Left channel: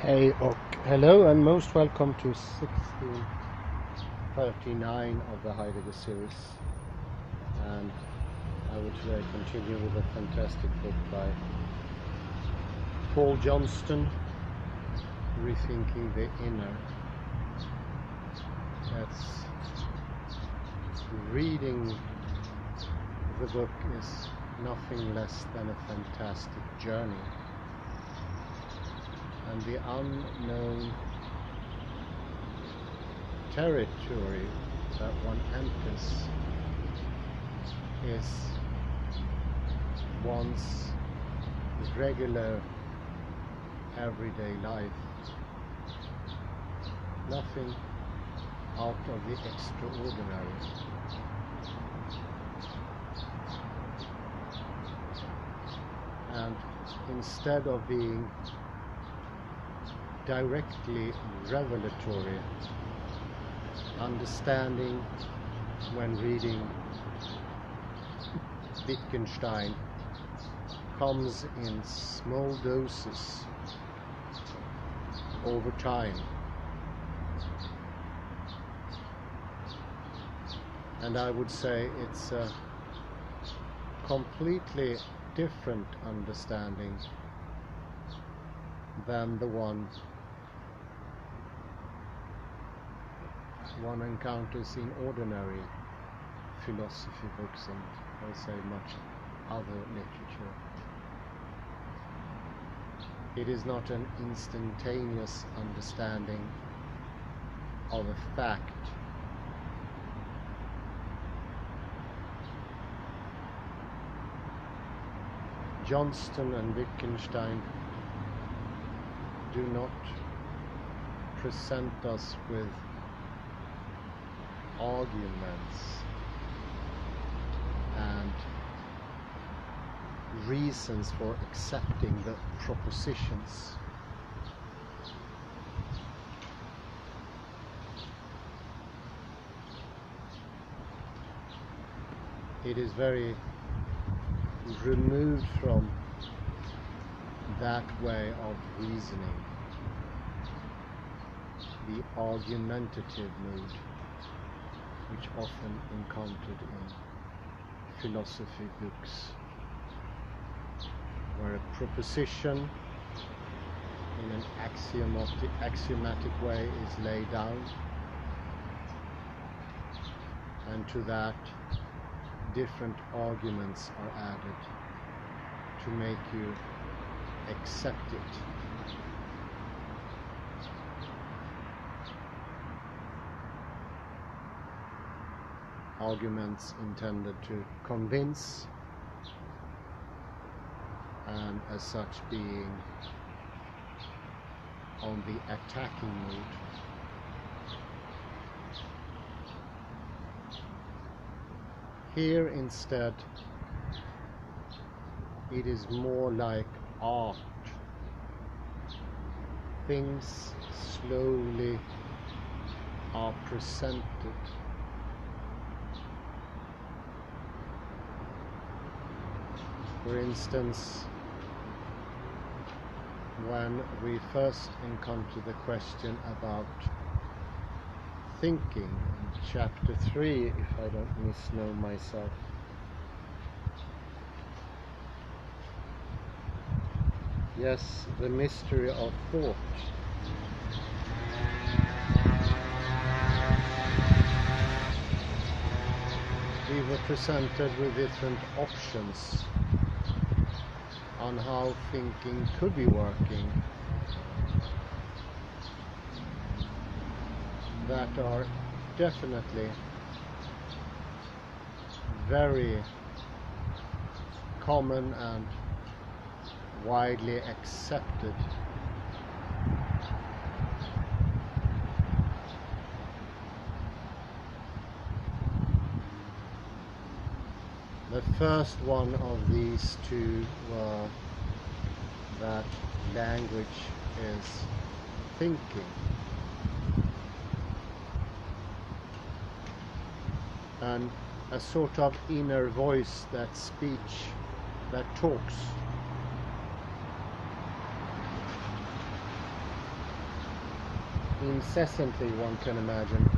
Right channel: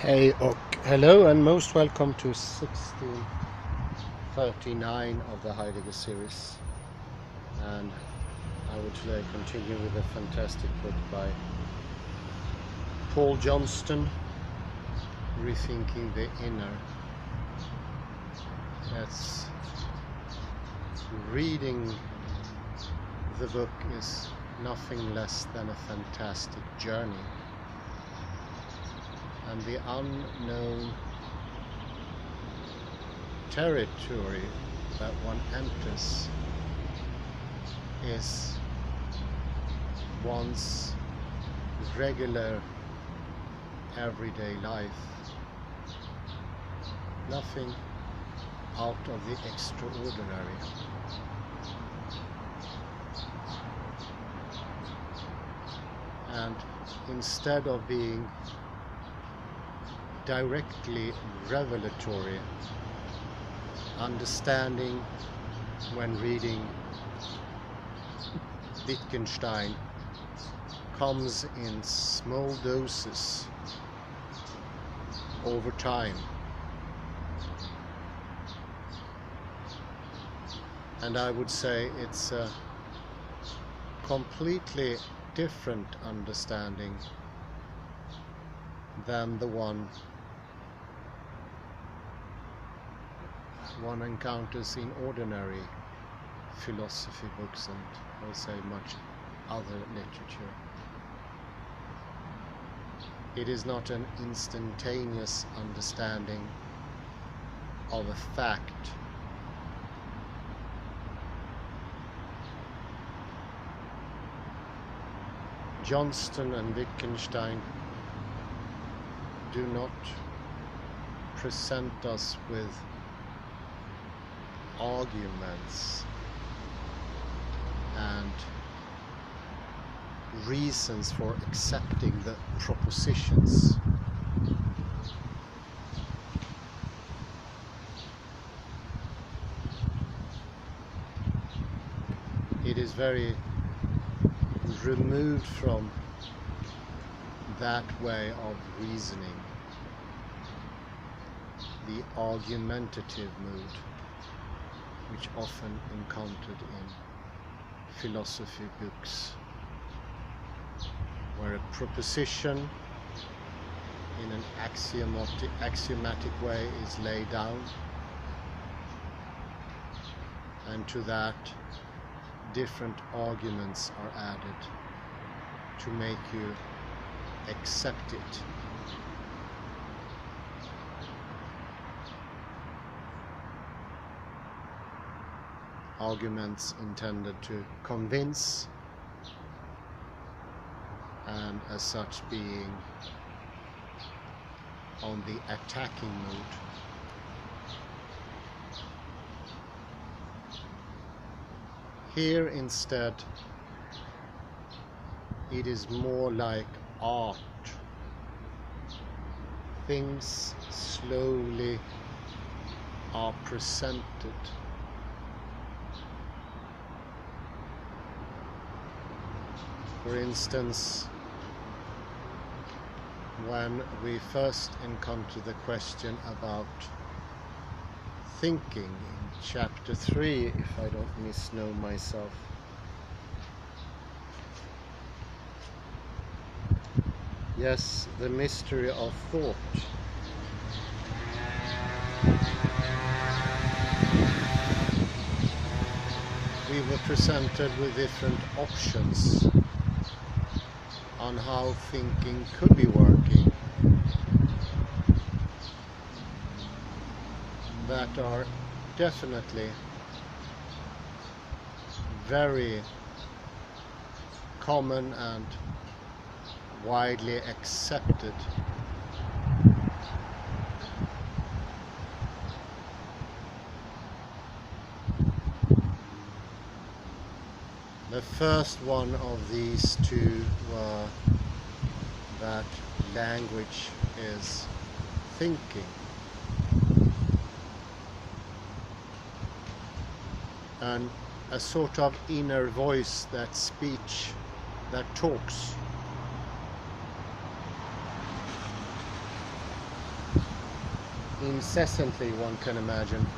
Hey, hello and most welcome to 1639 of the Heidegger series. And I would today continue with a fantastic book by Johnston, Rethinking the Inner. Yes, reading the book is nothing less than a fantastic journey. And the unknown territory that one enters is one's regular everyday life. Nothing out of the extraordinary. And instead of being directly revelatory, understanding when reading Wittgenstein comes in small doses over time. And I would say it's a completely different understanding than the one encounters in ordinary philosophy books and I would say much other literature. It is not an instantaneous understanding of a fact. Johnston and Wittgenstein do not present us with arguments and reasons for accepting the propositions. It is very removed from that way of reasoning, the argumentative mood, which often encountered in philosophy books, where a proposition in an axiomatic way is laid down, and to that different arguments are added to make you accept it. Arguments intended to convince, and as such being on the attacking mood. Here instead it is more like art. Things slowly are presented. For instance, when we first encounter the question about thinking in chapter 3, if I don't misknow myself, yes, the mystery of thought. We were presented with different options on how thinking could be working that are definitely very common and widely accepted. The first one of these two were that language is thinking, and a sort of inner voice, that speech that talks. incessantly, one can imagine.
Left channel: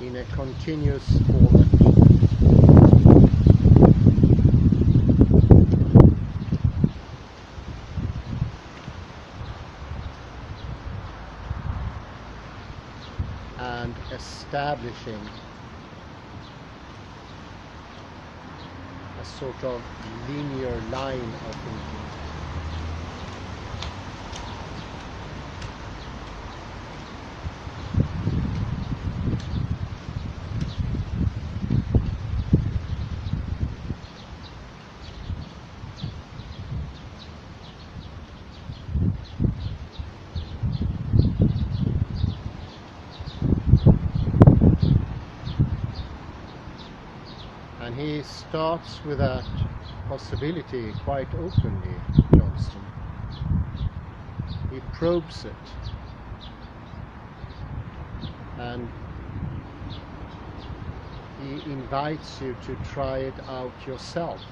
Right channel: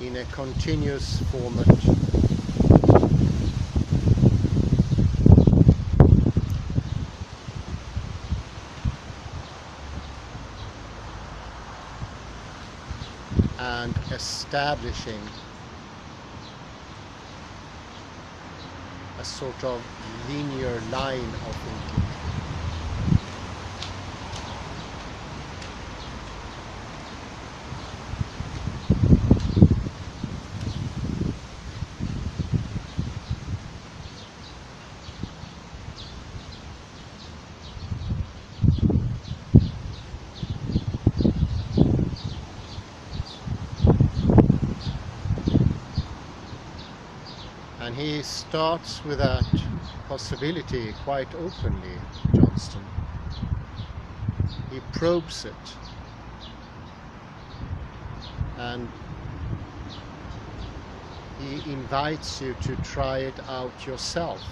In a continuous format. And establishing a sort of linear line of thinking. And he starts with that possibility quite openly, Johnston. He probes it. And he invites you to try it out yourself,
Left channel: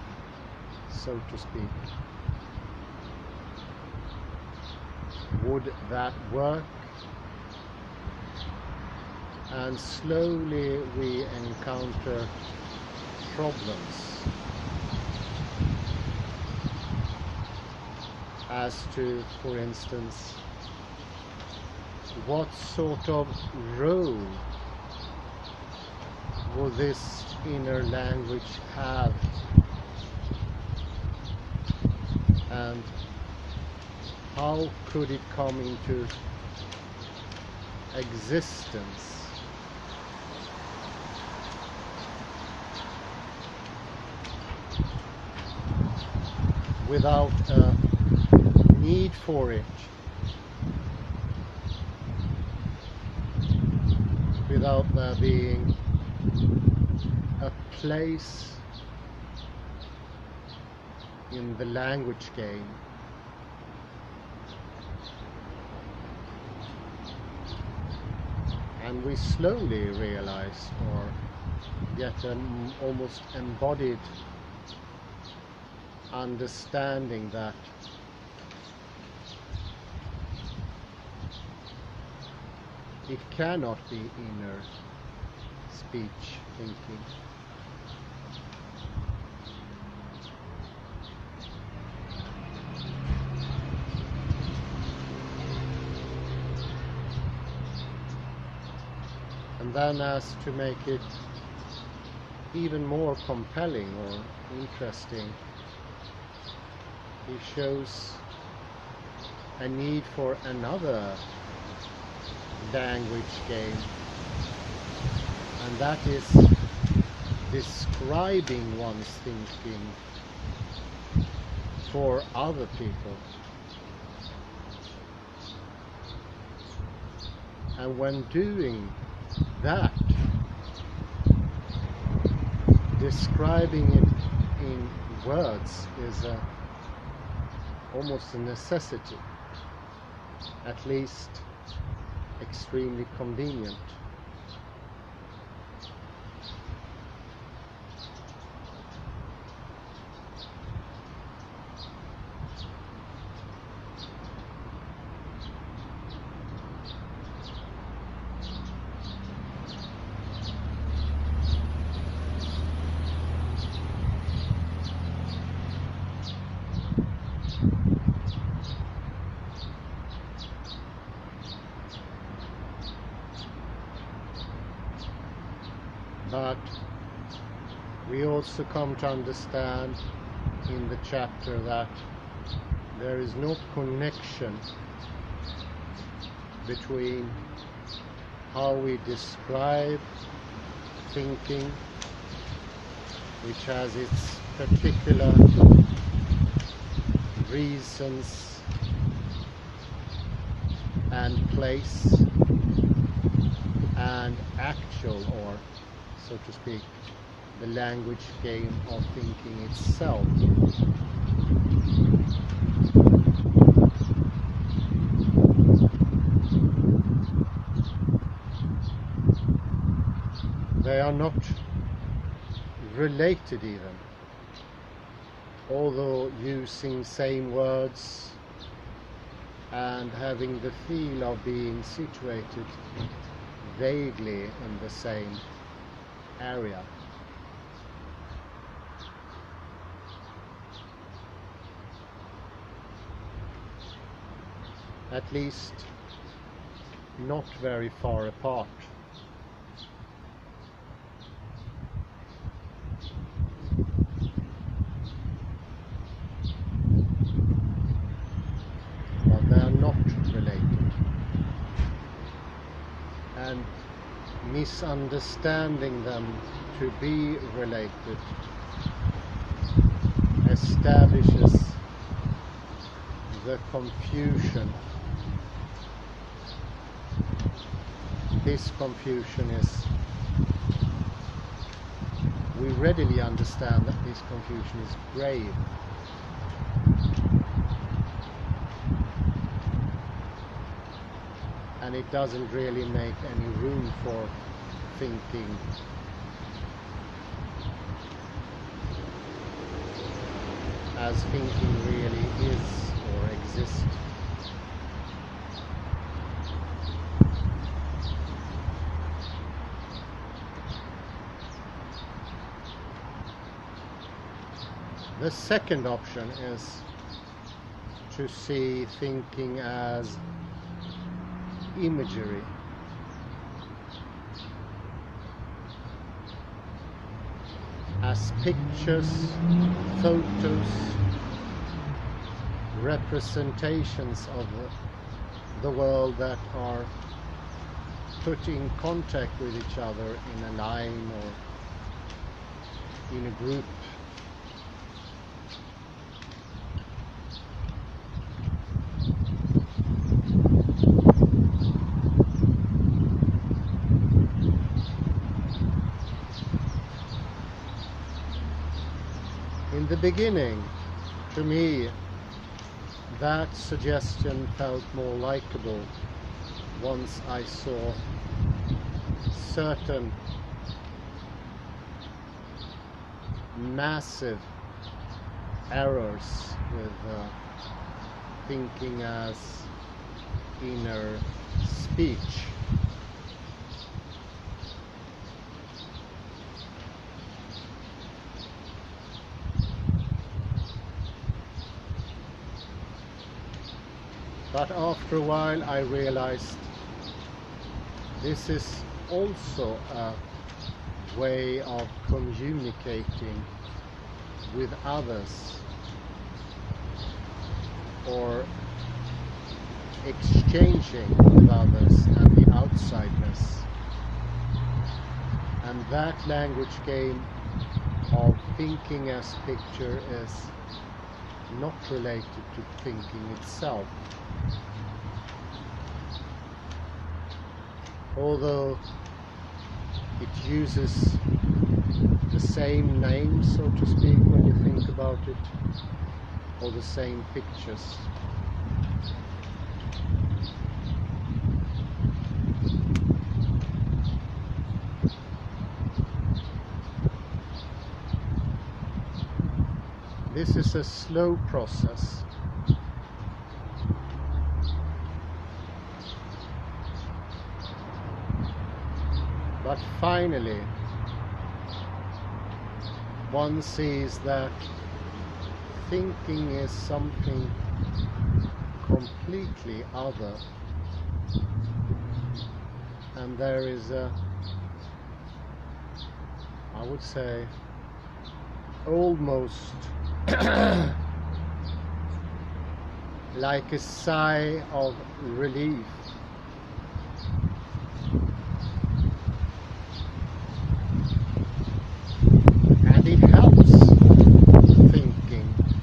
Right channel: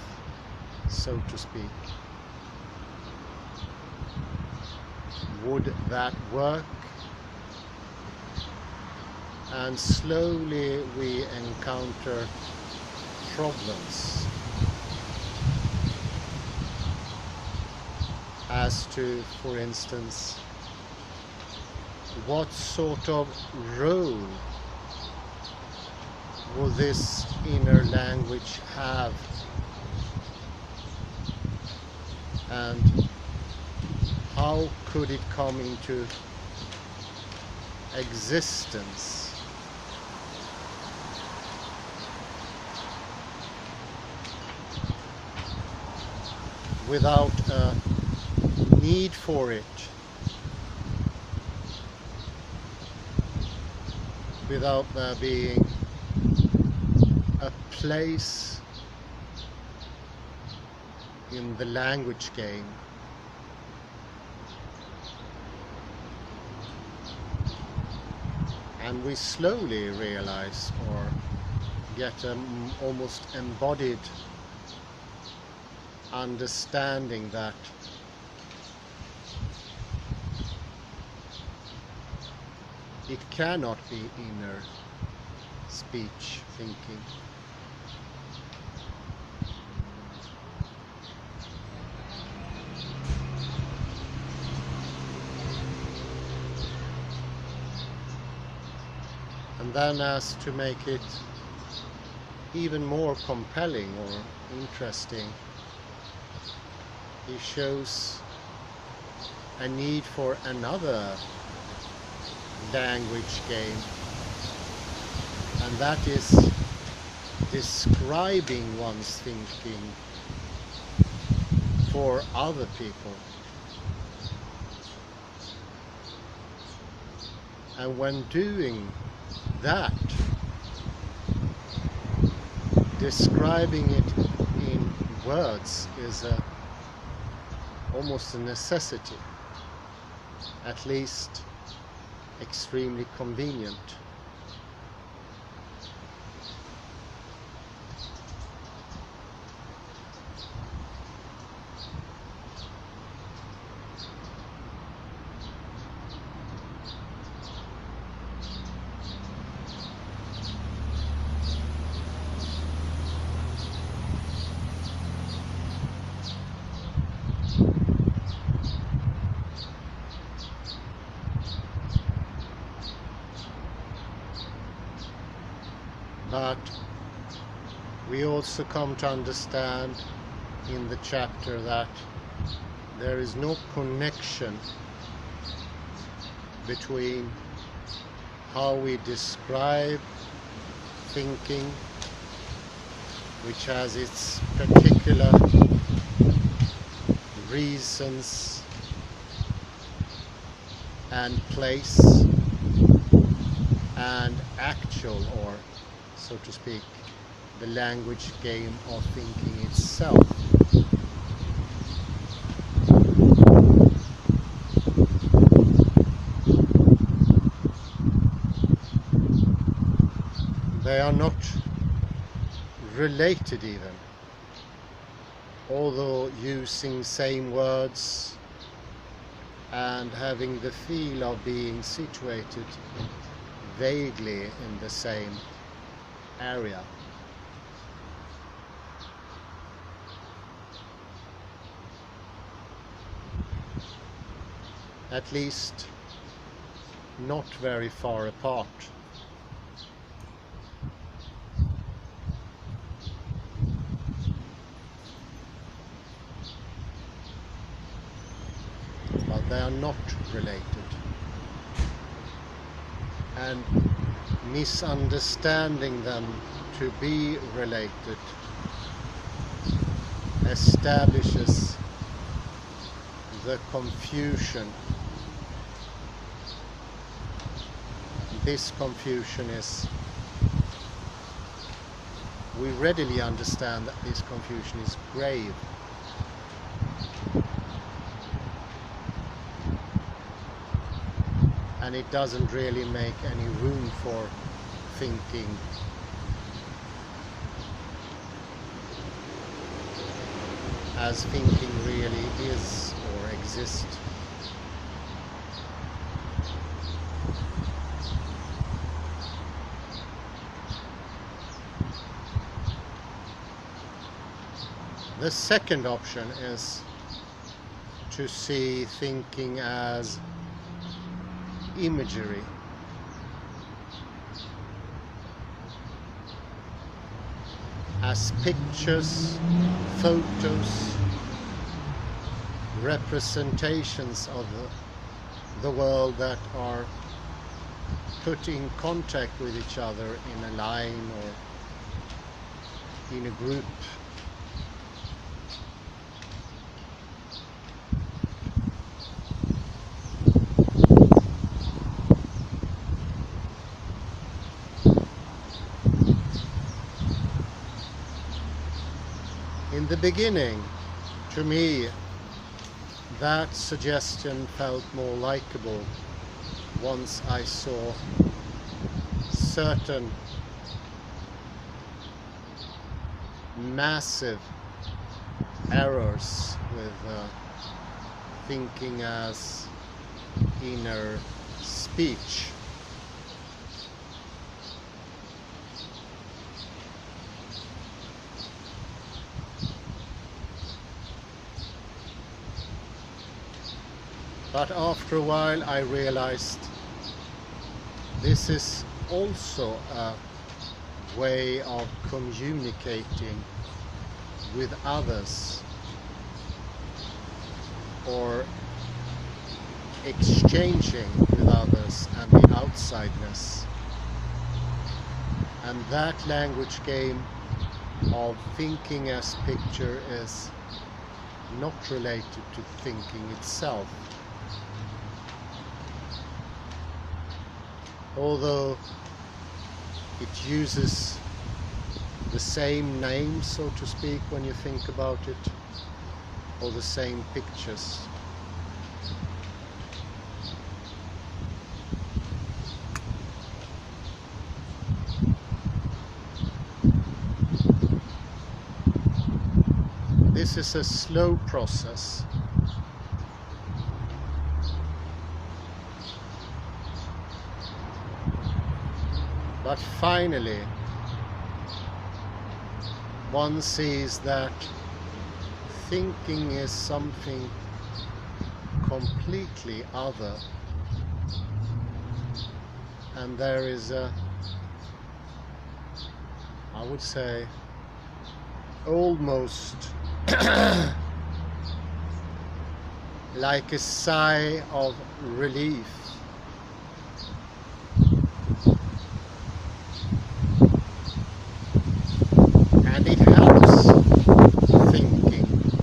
so to speak. Would that work? And slowly we encounter problems as to, for instance, what sort of role will this inner language have, and how could it come into existence without a need for it, without there being a place in the language game. And we slowly realize, or get an almost embodied understanding, that it cannot be inner speech thinking. And then, as to make it even more compelling or interesting, he shows a need for another language game, and that is describing one's thinking for other people. And when doing that, describing it in words is almost a necessity, at least extremely convenient. But we also come to understand in the chapter that there is no connection between how we describe thinking, which has its particular reasons and place, and actual, or so to speak, the language game of thinking itself. They are not related even, although using same words and having the feel of being situated vaguely in the same area. At least not very far apart. But they are not related. And misunderstanding them to be related establishes the confusion. This confusion is, we readily understand that this confusion is grave. And it doesn't really make any room for thinking as thinking really is or exists. The second option is to see thinking as imagery. As pictures, photos, representations of the world that are put in contact with each other in a line or in a group. In the beginning, to me, that suggestion felt more likable once I saw certain massive errors with thinking as inner speech. But after a while I realized this is also a way of communicating with others or exchanging with others and the outsideness. And that language game of thinking as picture is not related to thinking itself. Although it uses the same name, so to speak, when you think about it, or the same pictures. This is a slow process. But finally, one sees that thinking is something completely other, and there is a, I would say, almost like a sigh of relief. And it helps thinking.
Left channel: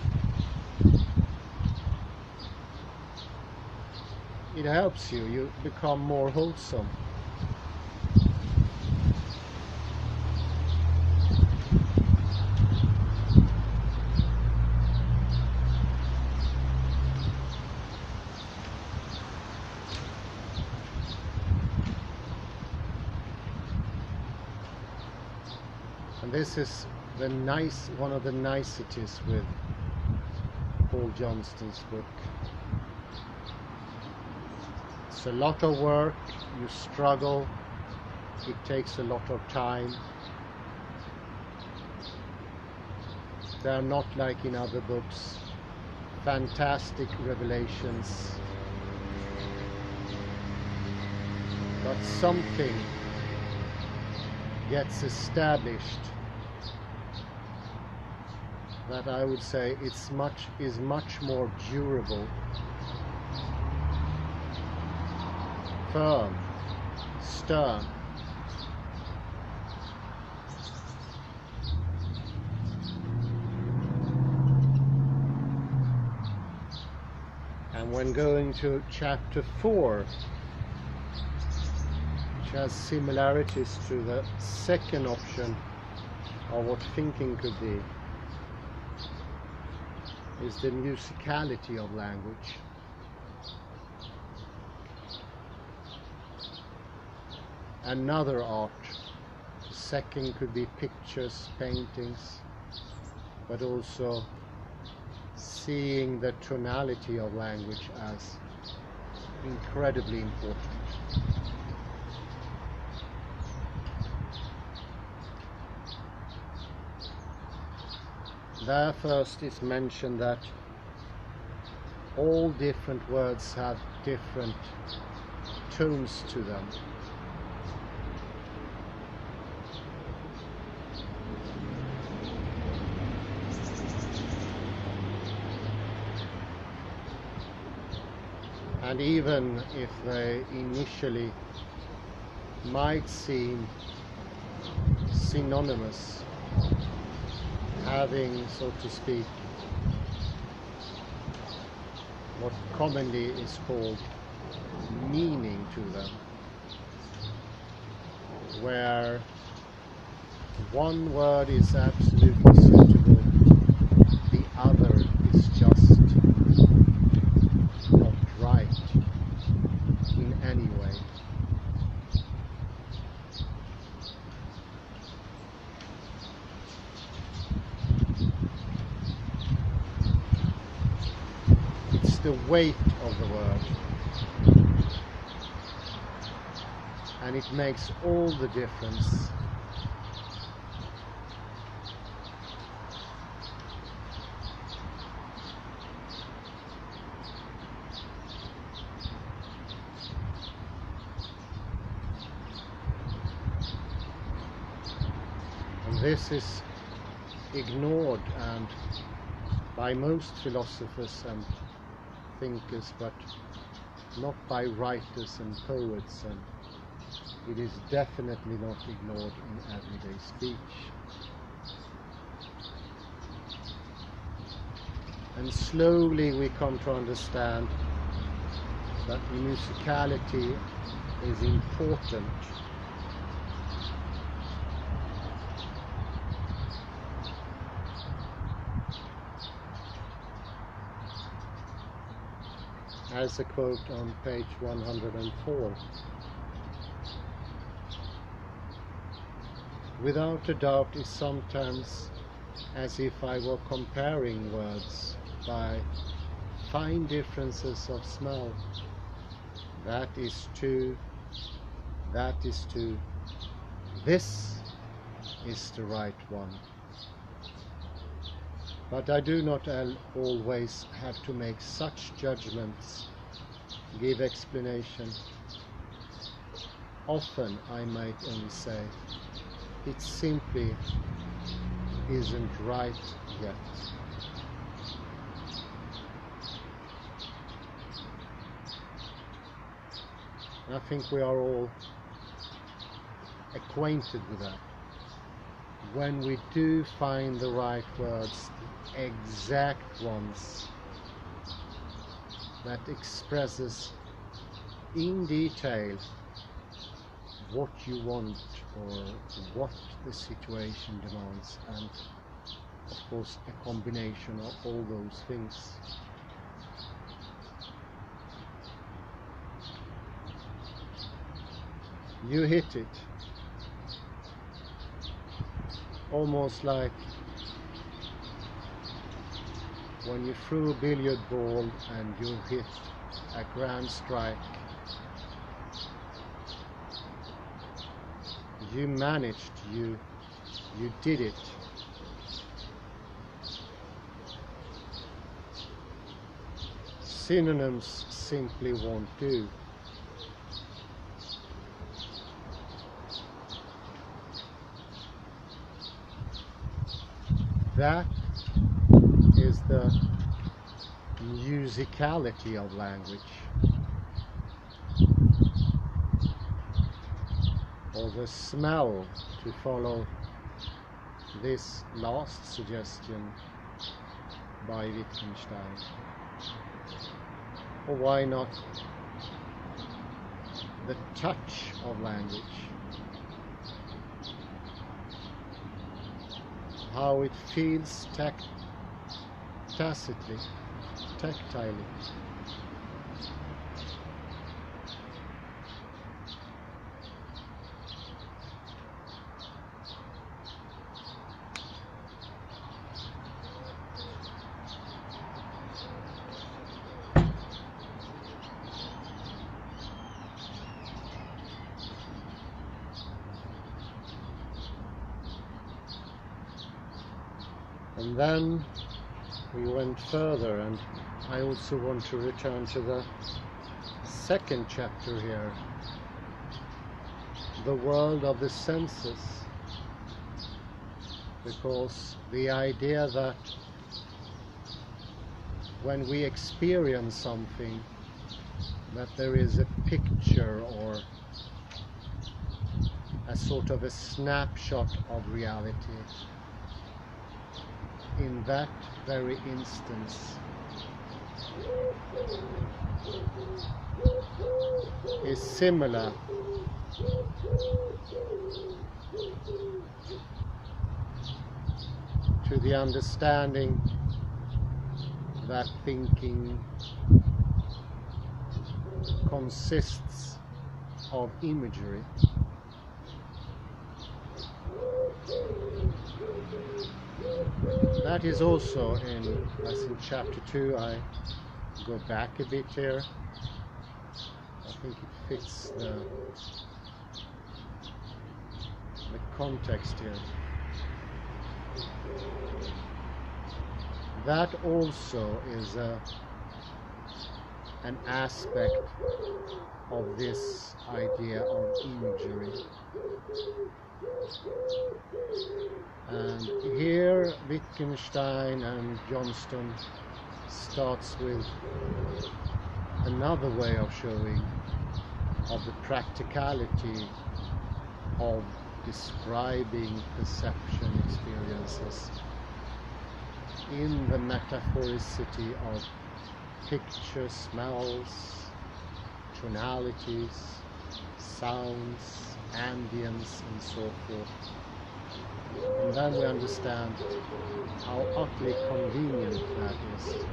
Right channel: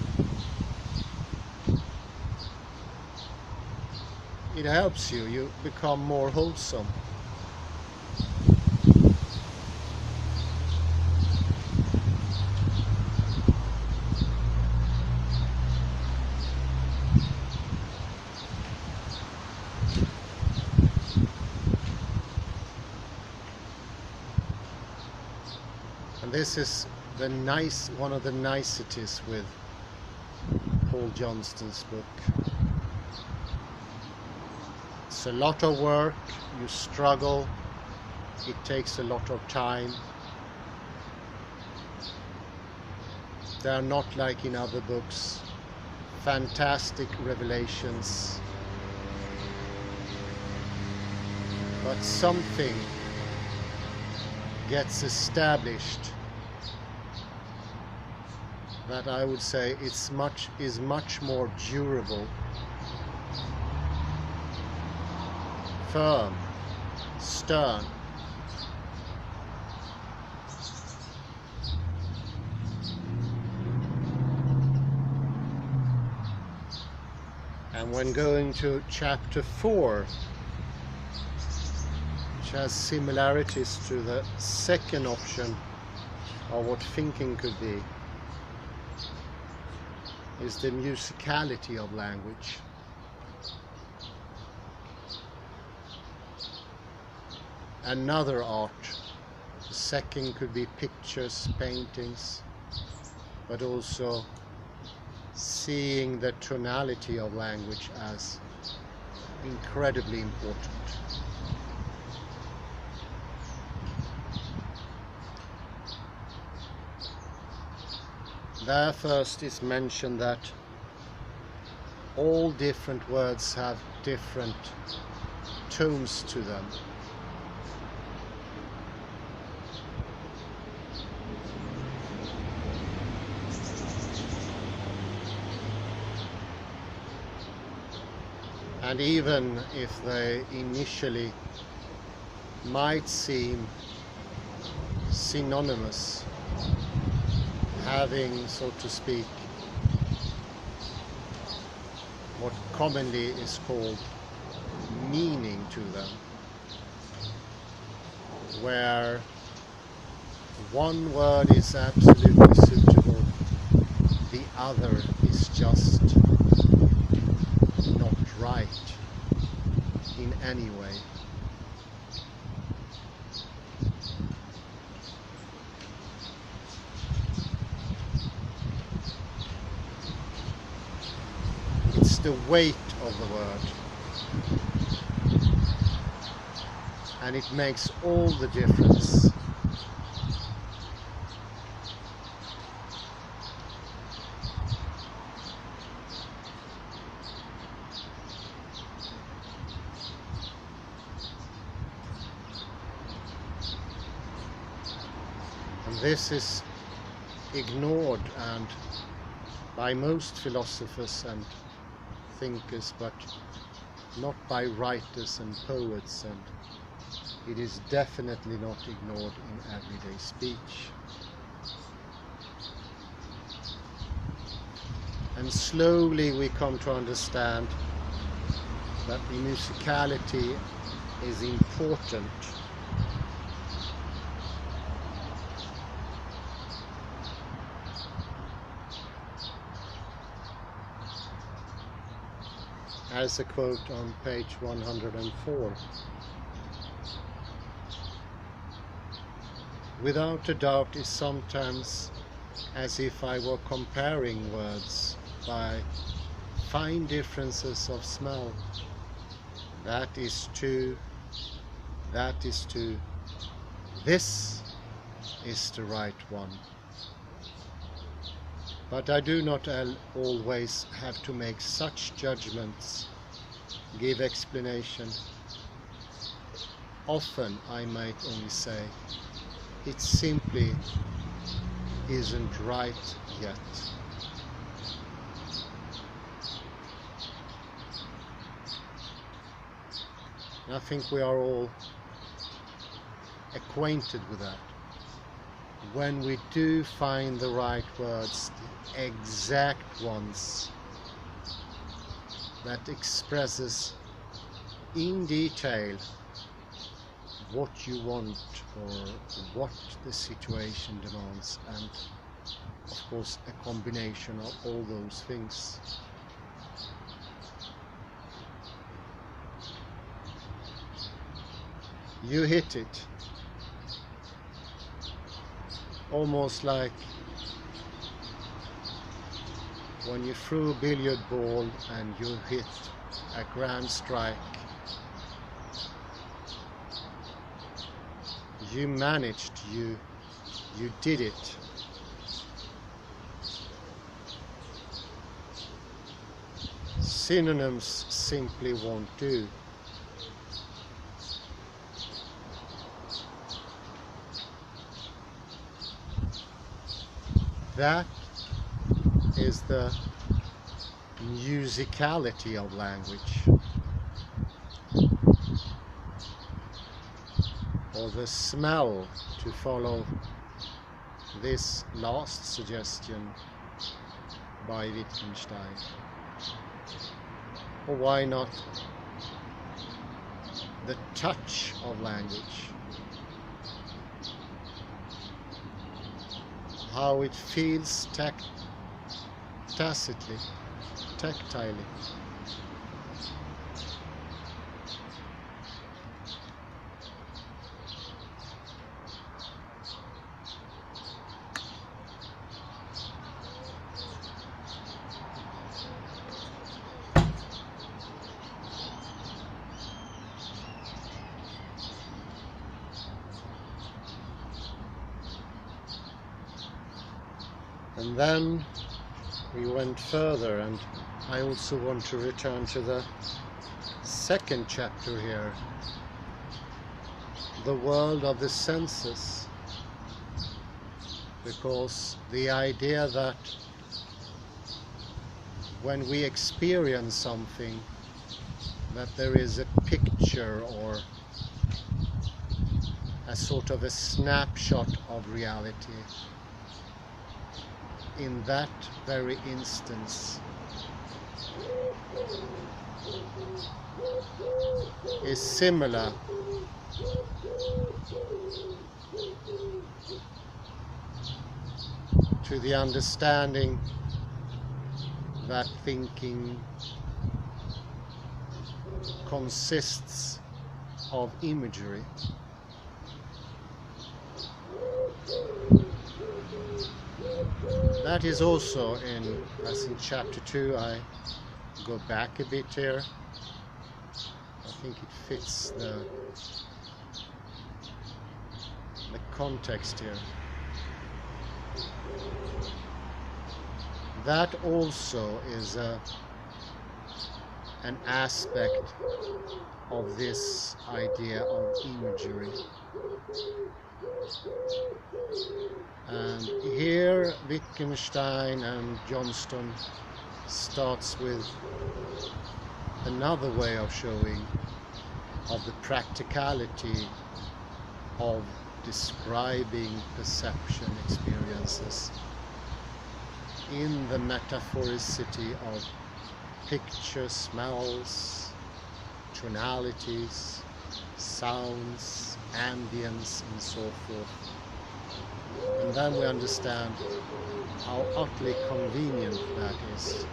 It helps you. You become more wholesome. And this is one of the niceties with Paul Johnston's book. It's a lot of work, you struggle, it takes a lot of time. They are not like in other books, fantastic revelations, but something gets established that I would say is much more durable, firm, stern. And when going to chapter 4, which has similarities to the second option of what thinking could be, is the musicality of language. Another art. The second could be pictures, paintings, but also seeing the tonality of language as incredibly important. There first is mentioned that all different words have different tones to them. And even if they initially might seem synonymous, having, so to speak, what commonly is called meaning to them, where one word is absolutely suitable, the other is just not right in any way. It's the weight of the word, and it makes all the difference. This is ignored and by most philosophers and thinkers, but not by writers and poets, and it is definitely not ignored in everyday speech. And slowly we come to understand that musicality is important. As a quote on page 104. Without a doubt, it's sometimes as if I were comparing words by fine differences of smell. That is two, that is two, this is the right one. But I do not always have to make such judgments, give explanation. Often I might only say, it simply isn't right yet. I think we are all acquainted with that. When we do find the right words, the exact ones that expresses in detail what you want or what the situation demands, and of course a combination of all those things. You hit it. almost like when you threw a billiard ball and you hit a grand strike. You managed, you did it. Synonyms simply won't do. That is the musicality of language, or the smell, to follow this last suggestion by Wittgenstein. Or why not the touch of language? How it feels tacitly, tactilely. And then we went further, and I also want to return to the second chapter here, the world of the senses, because the idea that when we experience something, that there is a picture or a sort of a snapshot of reality in that very instance, is similar to the understanding that thinking consists of imagery. That is also as in chapter 2, I go back a bit here. I think it fits the context here. That also is an aspect of this idea of imagery. And here Wittgenstein and Johnston starts with another way of showing of the practicality of describing perception experiences in the metaphoricity of picture, smells, tonalities, sounds, ambience, and so forth. And then we understand how utterly convenient that is.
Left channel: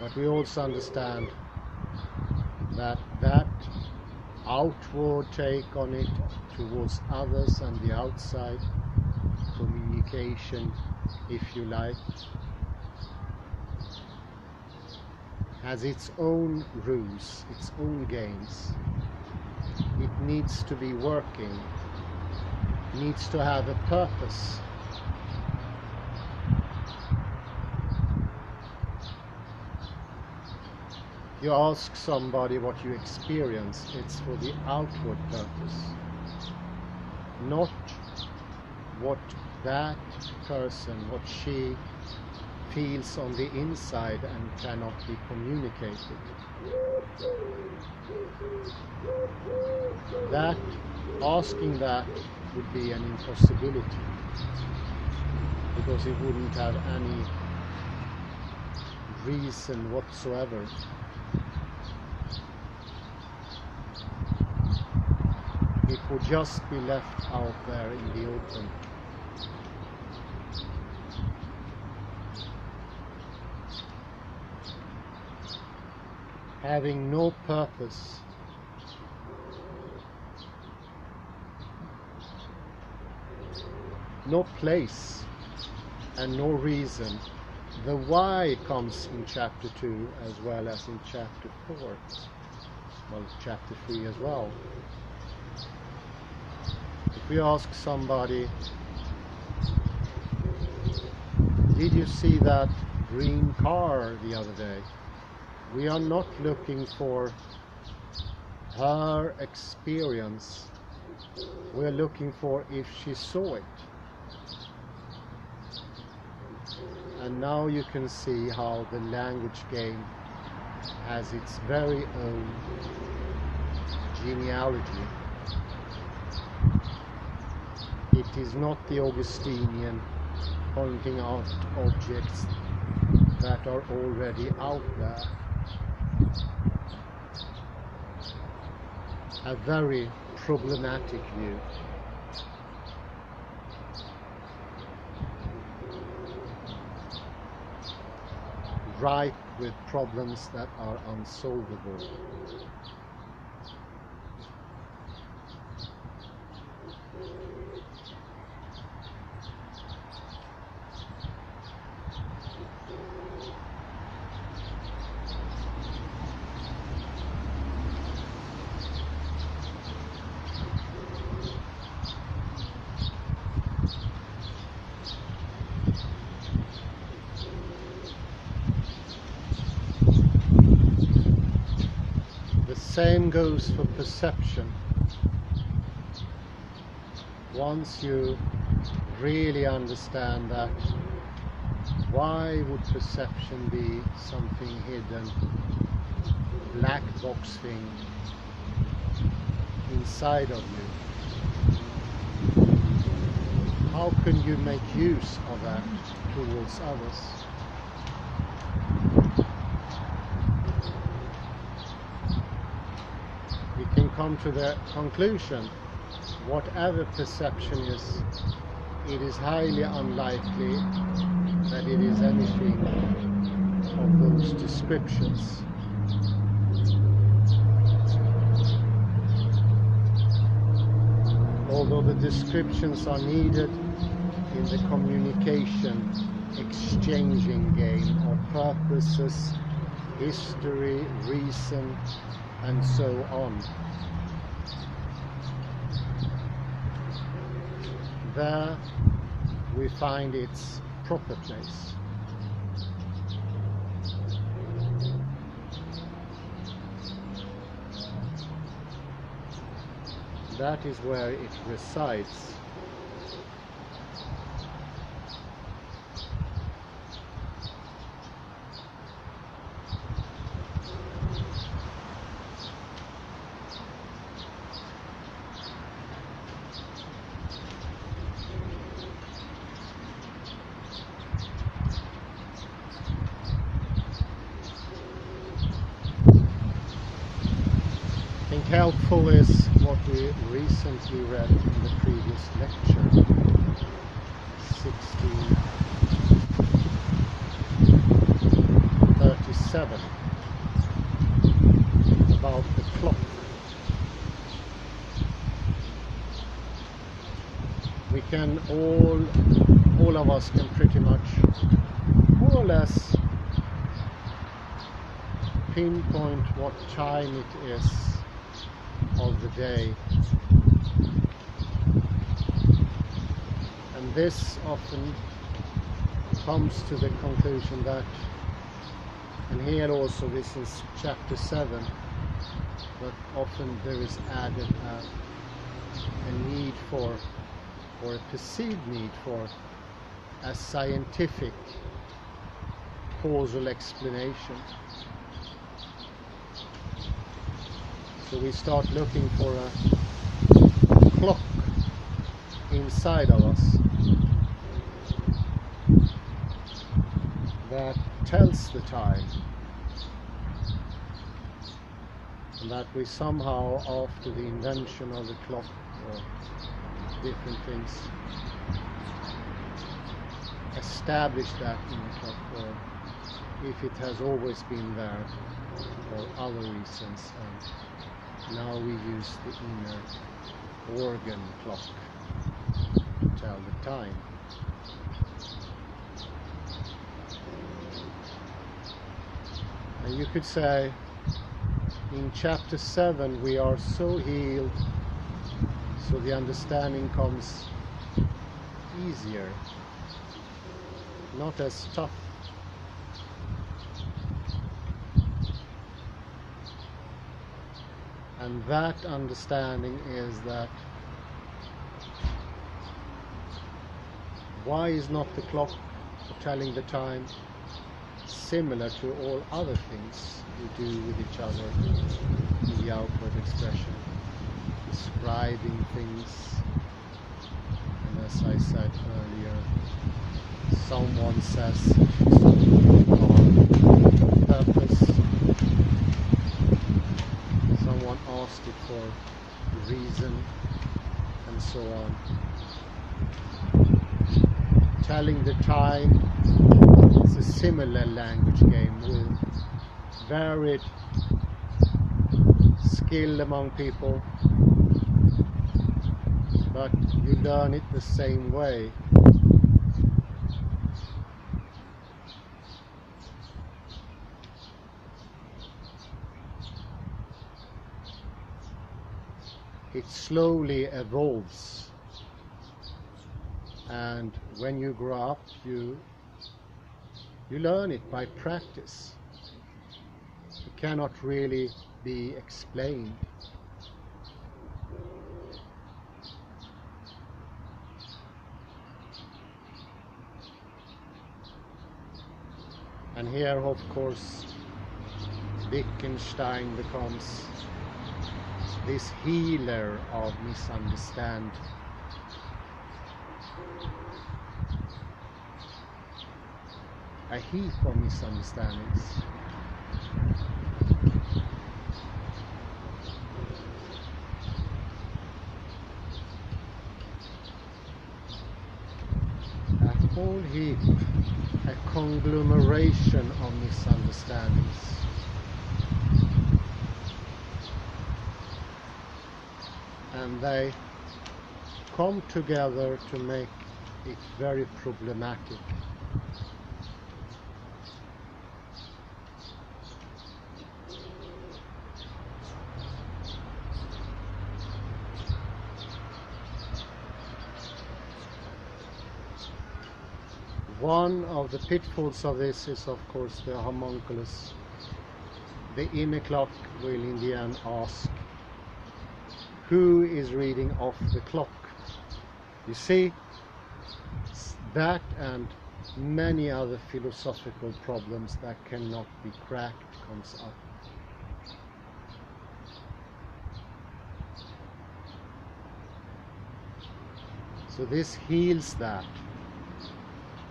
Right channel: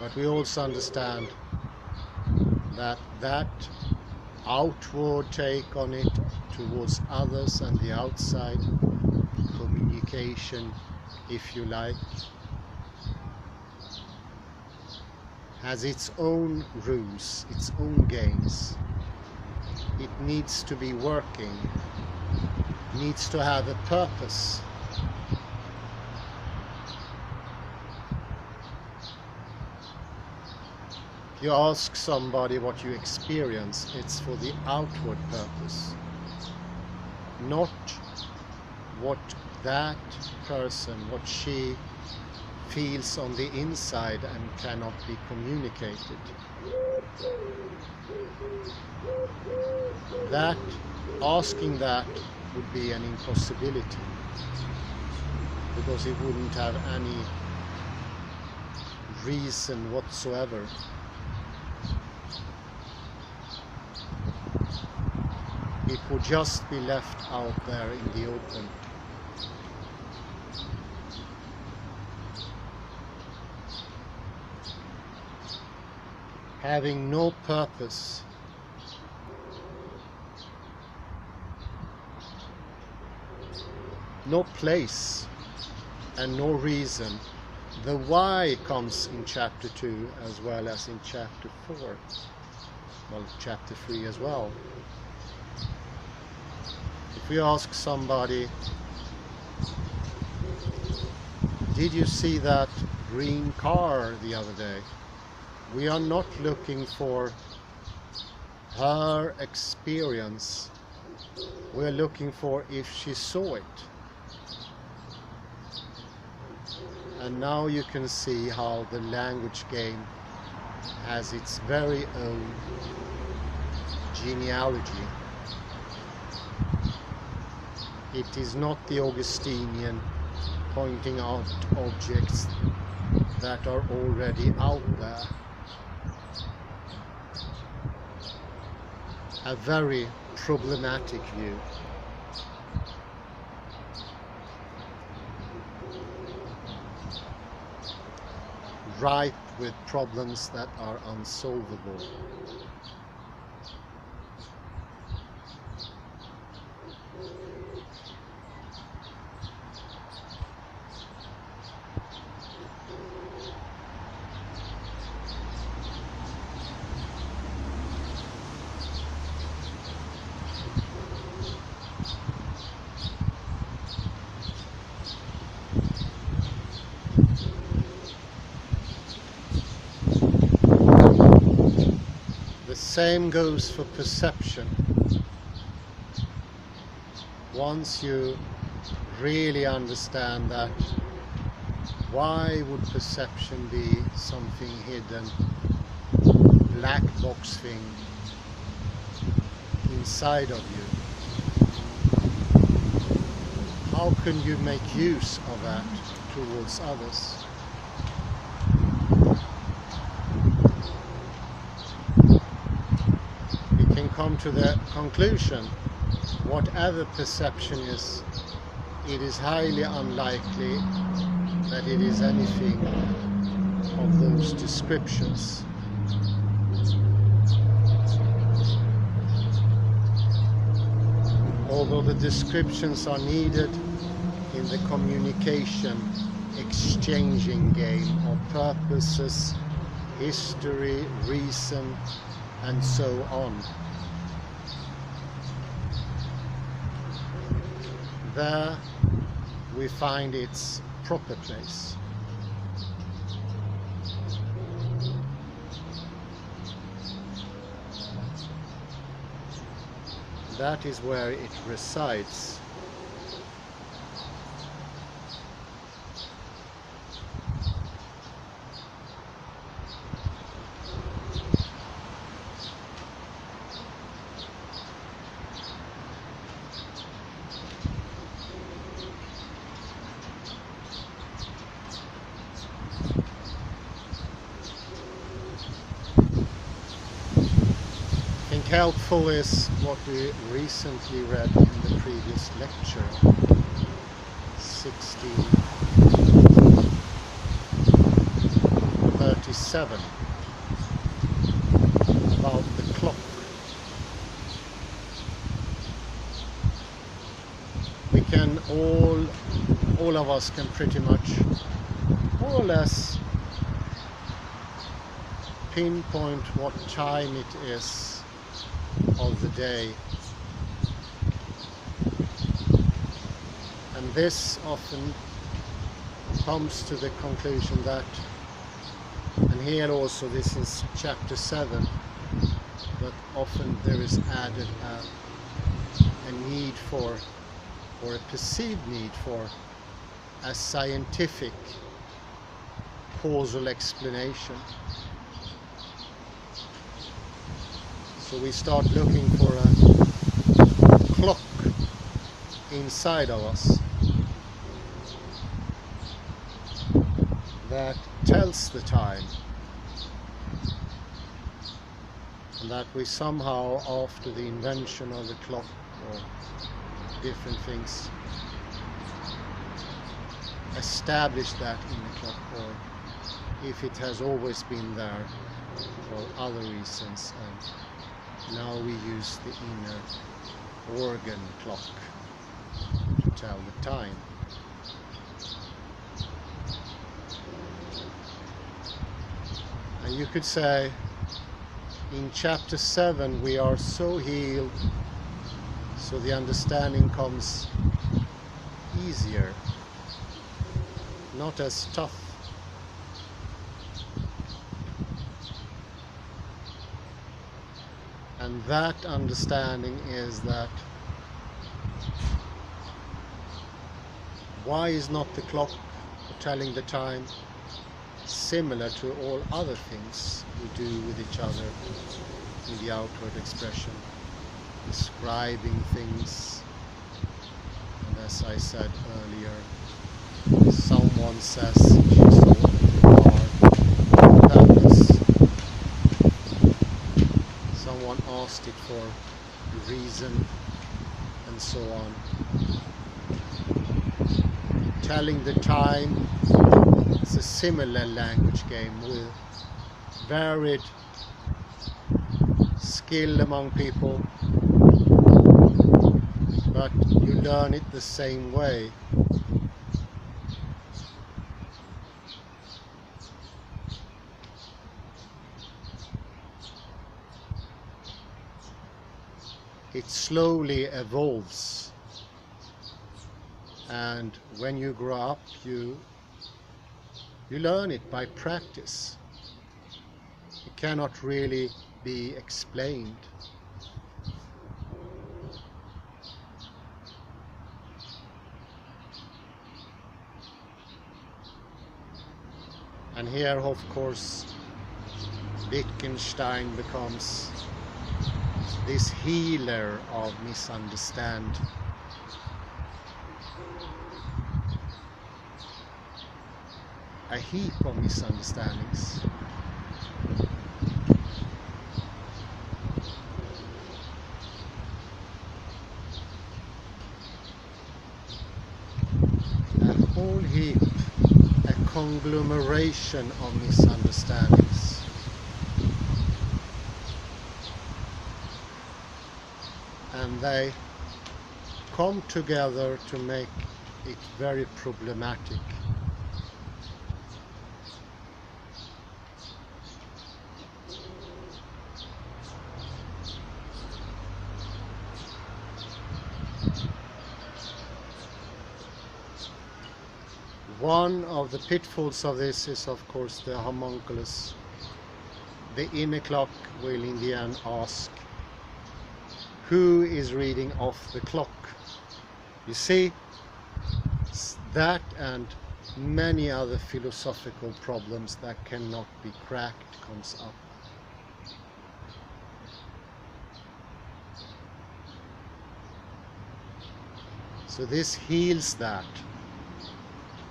But we also understand that that outward take on it towards others and the outside, communication, if you like, has its own rules, its own games. It needs to be working, needs to have a purpose. You ask somebody what you experience, it's for the outward purpose, not what that person, what she feels on the inside and cannot be communicated. That, asking that would be an impossibility, because it wouldn't have any reason whatsoever. It would just be left out there in the open. Having no purpose no place and no reason. The why comes in chapter 2 as well as in chapter 4. Well, chapter 3 as well. If we ask somebody, did you see that green car the other day? We are not looking for her experience. We're looking for if she saw it. And now you can see how the language game has its very own genealogy. It is not the Augustinian pointing out objects that are already out there. A very problematic view. Ripe with problems that are unsolvable. Same goes for perception. Once you really understand that, why would perception be something hidden, black box thing inside of you? How can you make use of that towards others? Come to the conclusion, whatever perception is, it is highly unlikely that it is anything of those descriptions. Although the descriptions are needed in the communication exchanging game of purposes, history, reason, and so on. There we find its proper place. That is where it resides. Helpful is what we recently read in the previous lecture, 1637, about the clock. We can all of us can pretty much more or less pinpoint what time it is of the day, and this often comes to the conclusion that, and here also this is chapter 7, but often there is added a need for, or a perceived need for, a scientific causal explanation. So we start looking for a clock inside of us that tells the time, and that we somehow, after the invention of the clock or different things, establish that in the clock, or if it has always been there for other reasons, and now we use the inner organ clock. tell the time. And you could say in chapter 7 we are so healed, so the understanding comes easier, not as tough. And that understanding is that why is not the clock telling the time similar to all other things we do with each other in the outward expression, describing things? And as I said earlier, someone says it's all our purpose. Someone asked it for a reason, and so on. Telling the time is a similar language game with varied skill among people, but you learn it the same way. It slowly evolves, and when you grow up you learn it by practice. It cannot really be explained. And here, of course, Wittgenstein becomes this healer of misunderstand. A heap of misunderstandings. A whole heap, a conglomeration of misunderstandings. And they come together to make it very problematic. One of the pitfalls of this is, of course, the homunculus. The inner clock will in the end ask, who is reading off the clock? You see, that and many other philosophical problems that cannot be cracked comes up. So this heals that.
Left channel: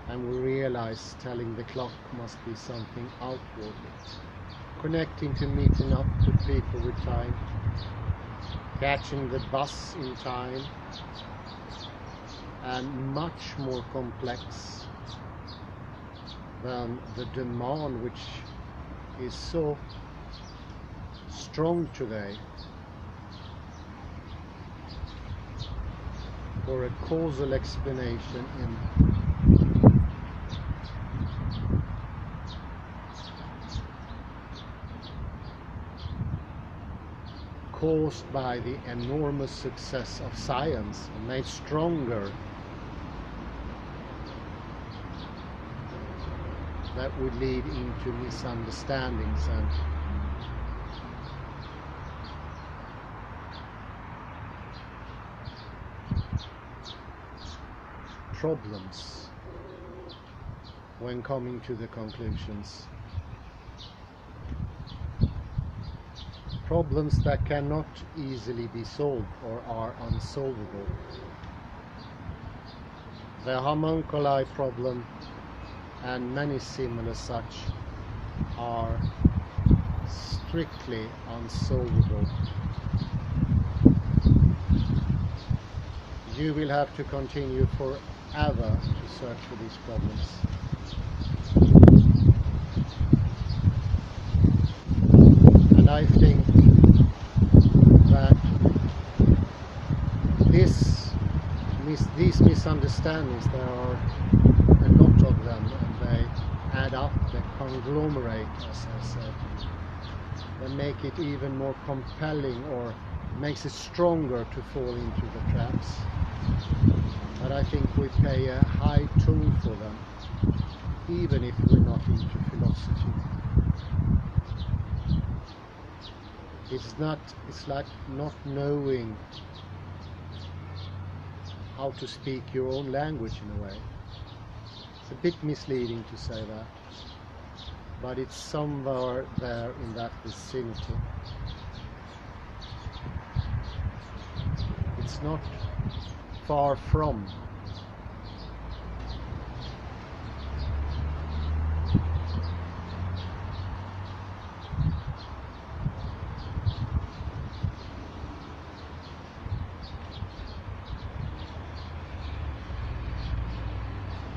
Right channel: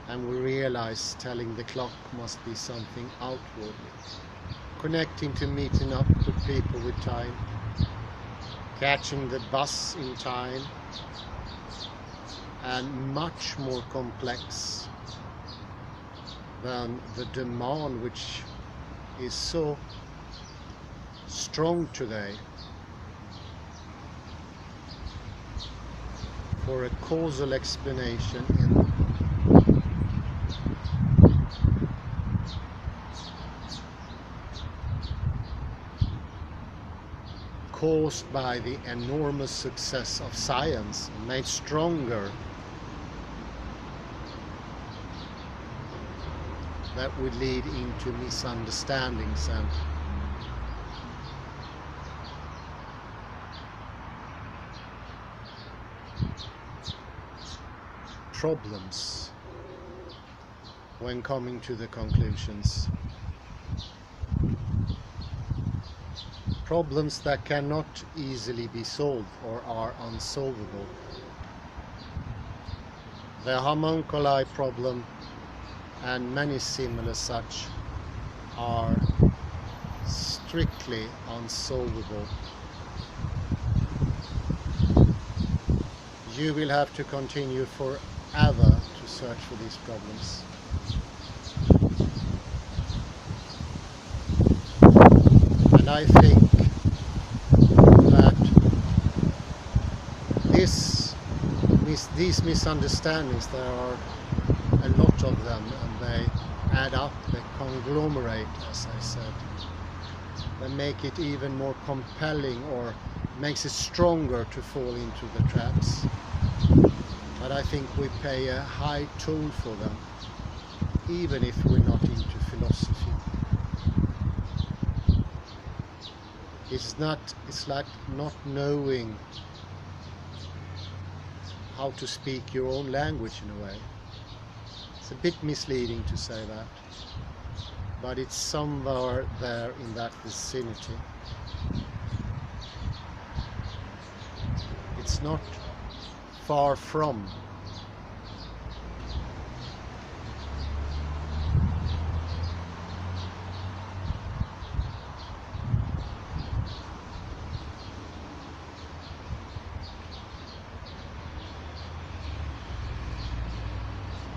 And we realize telling the clock must be something outwardly, connecting to meeting up with people with time, catching the bus in time, and much more complex than the demand which is so strong today for a causal explanation caused by the enormous success of science, made stronger, that would lead into misunderstandings and problems when coming to the conclusions. Problems that cannot easily be solved or are unsolvable. The homunculi problem and many similar such are strictly unsolvable. You will have to continue forever to search for these problems. And I think that these misunderstandings, there are a lot of them, and they add up, they conglomerate, as I said. They make it even more compelling, or makes it stronger to fall into the traps. But I think we pay a high toll for them, even if we're not into philosophy. It's like not knowing how to speak your own language in a way. It's a bit misleading to say that, but it's somewhere there in that vicinity. It's not far from.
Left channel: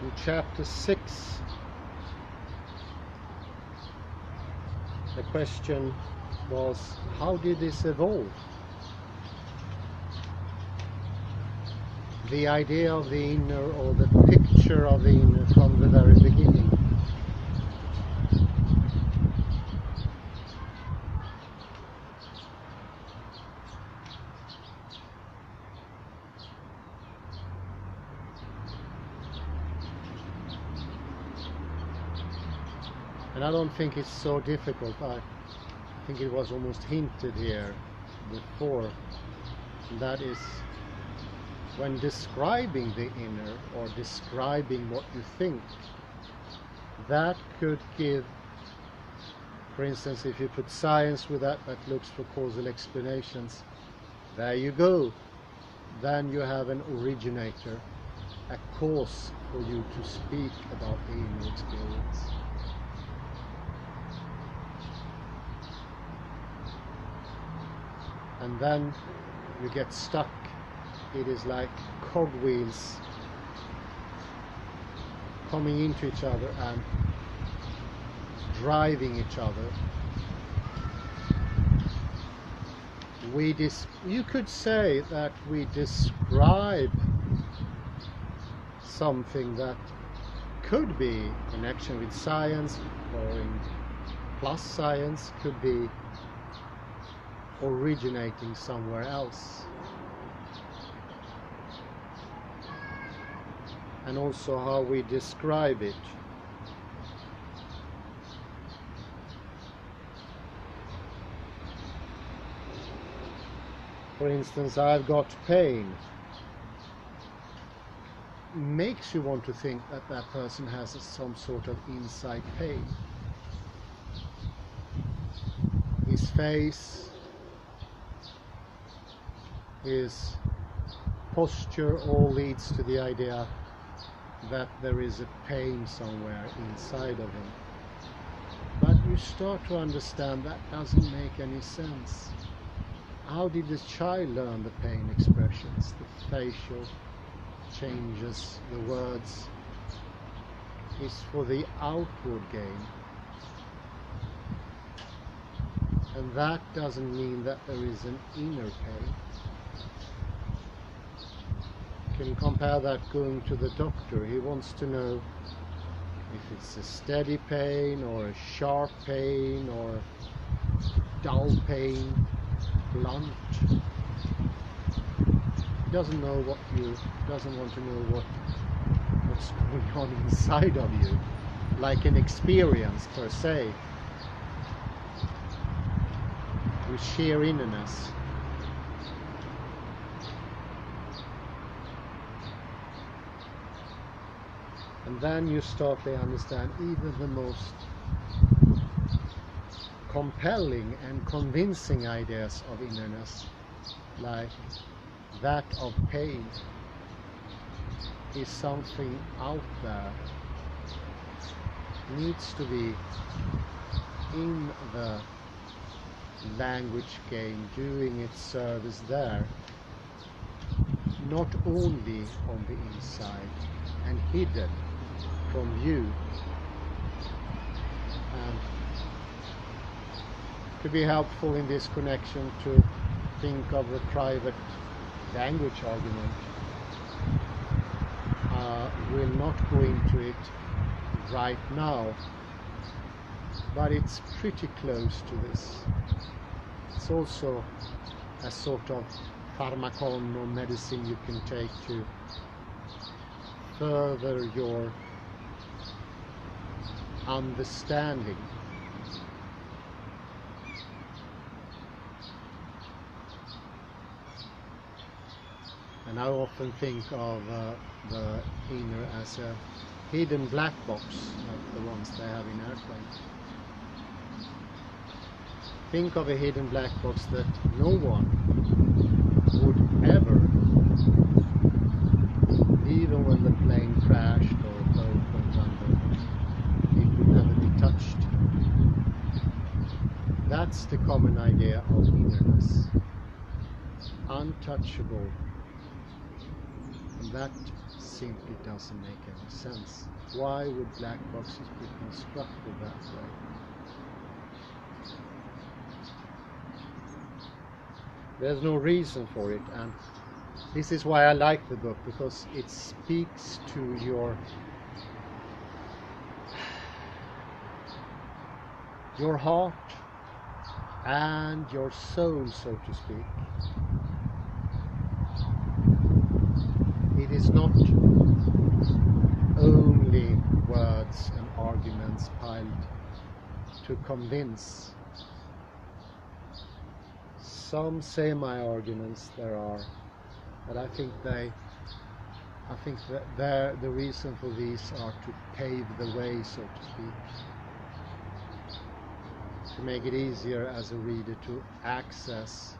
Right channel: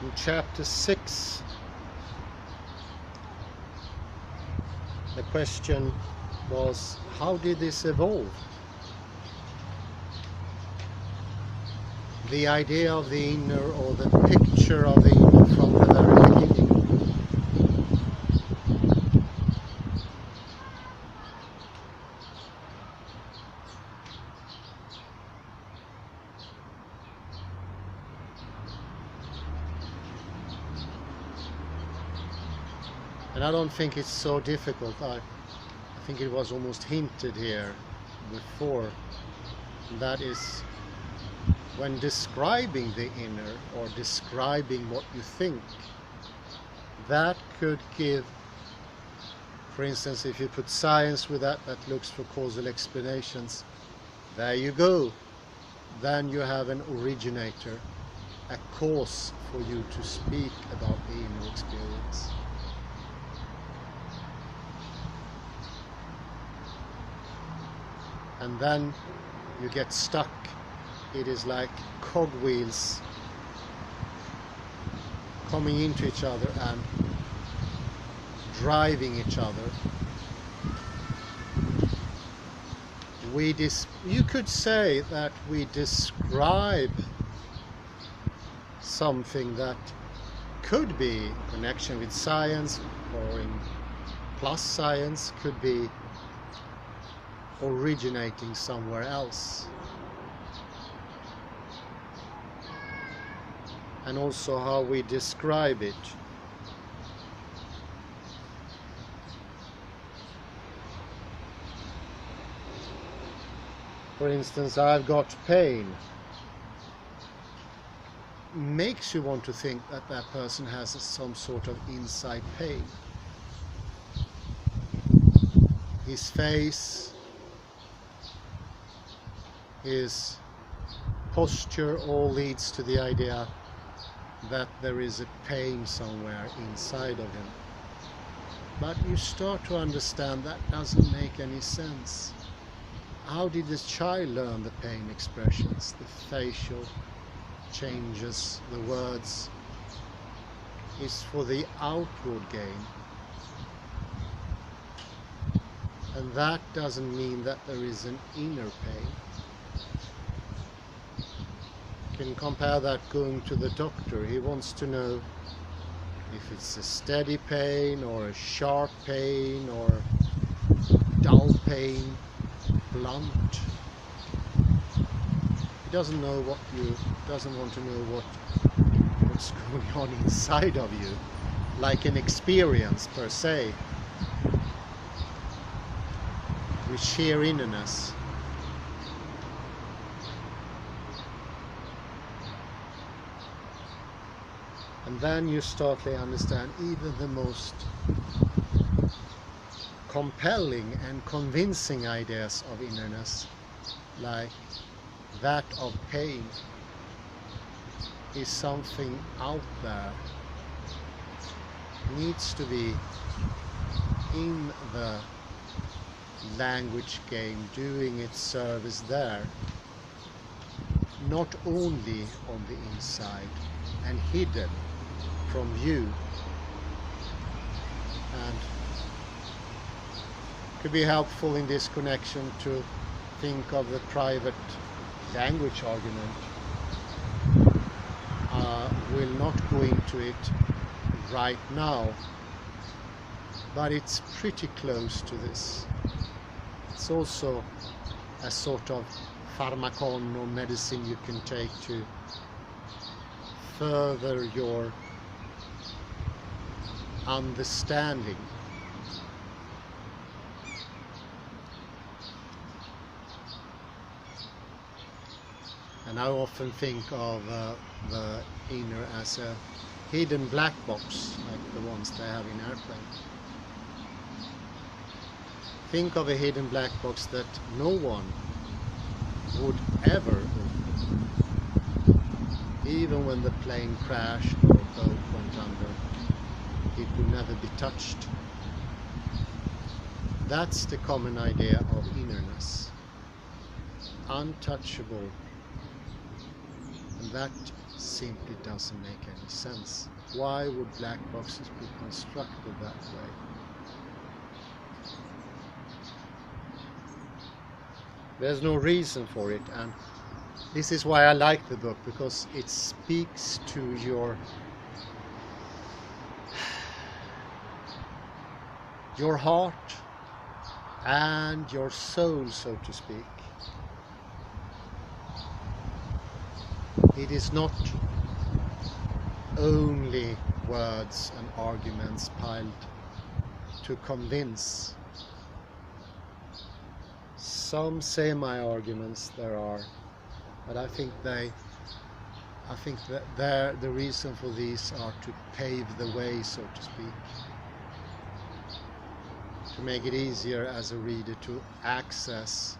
In chapter 6, the question was, how did this evolve? The idea of the inner, or the picture of the inner from the very beginning. And I don't think it's so difficult. I think it was almost hinted here before. That is, when describing the inner, or describing what you think, that could give, for instance, if you put science with that looks for causal explanations, there you go. Then you have an originator, a cause for you to speak about the inner experience. And then you get stuck. It is like cogwheels coming into each other and driving each other. You could say that we describe something that could be in connection with science, or in plus science, could be originating somewhere else. And also how we describe it. For instance, I've got pain. Makes you want to think that that person has some sort of inside pain. His face, his posture, all leads to the idea that there is a pain somewhere inside of him. But you start to understand that doesn't make any sense. How did this child learn the pain expressions, the facial changes, the words? It's for the outward gain. And that doesn't mean that there is an inner pain. You can compare that going to the doctor. He wants to know if it's a steady pain, or a sharp pain, or dull pain, blunt. He doesn't want to know what's going on inside of you, like an experience per se, with sheer innerness. And then you start to understand even the most compelling and convincing ideas of innerness, like that of pain, is something out there. Needs to be in the language game, doing its service there, not only on the inside and hidden from view. And it could be helpful in this connection to think of the private language argument. will not go into it right now, but it's pretty close to this. It's also a sort of pharmacon or medicine you can take to further your understanding. And I often think of the inner as a hidden black box, like the ones they have in airplanes. Think of a hidden black box that no one would ever open. Even when the plane crashed or a boat went under, it would never be touched. That's the common idea of innerness. Untouchable. And that simply doesn't make any sense. Why would black boxes be constructed that way? There's no reason for it, and this is why I like the book, because it speaks to your heart and your soul, so to speak. It is not only words and arguments piled to convince. Some semi-arguments there are, but I think that the reason for these are to pave the way, so to speak, to make it easier as a reader to access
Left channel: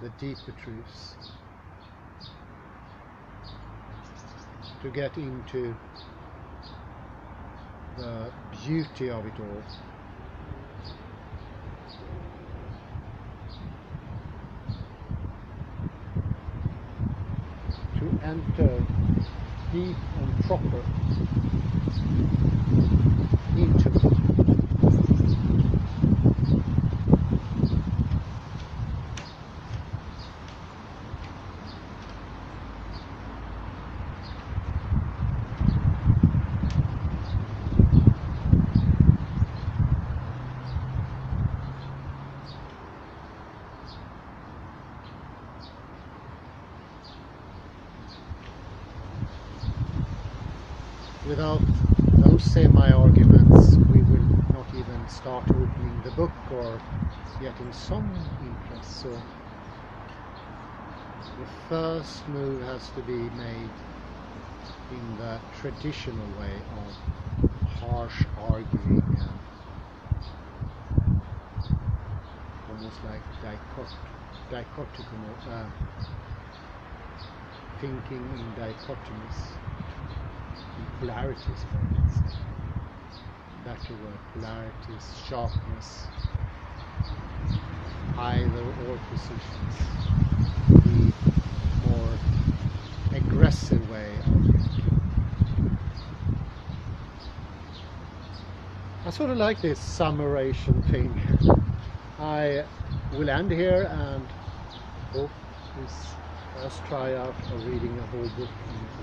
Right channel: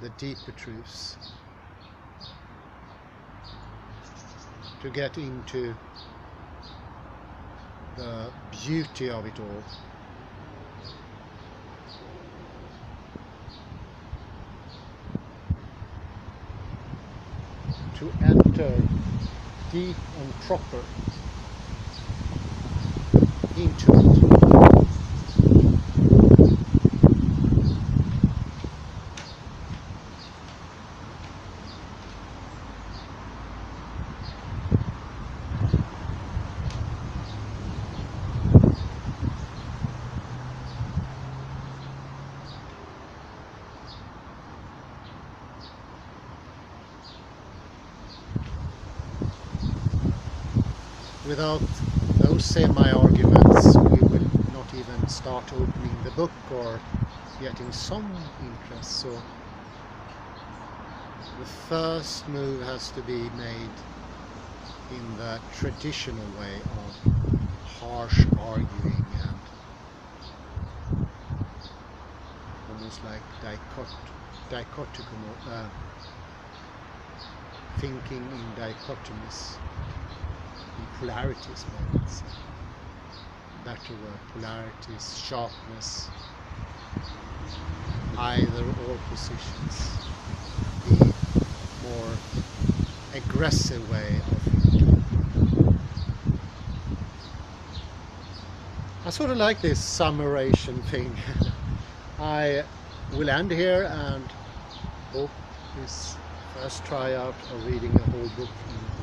the deeper truths, to get into the beauty of it all. To enter deep and proper into it. Without those semi-arguments, we will not even start opening the book or getting some interest. So the first move has to be made in the traditional way of harsh arguing and almost like thinking in dichotomies. Polarities, maybe say. Better word, polarities, sharpness, either or positions, the more aggressive way of thinking. I sort of like this summarization thing. I will end here and hope this first try out of reading a whole book in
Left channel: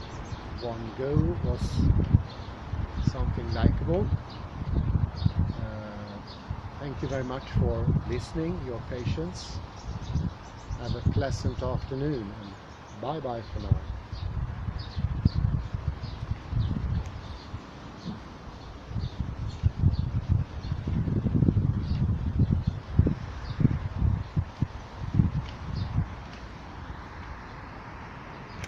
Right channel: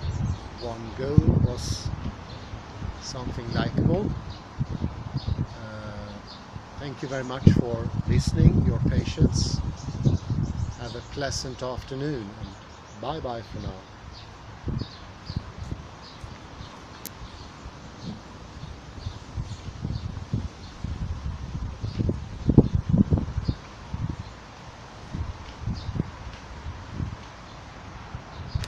one go was something likable. Thank you very much for listening, your patience. Have a pleasant afternoon, and bye bye for now.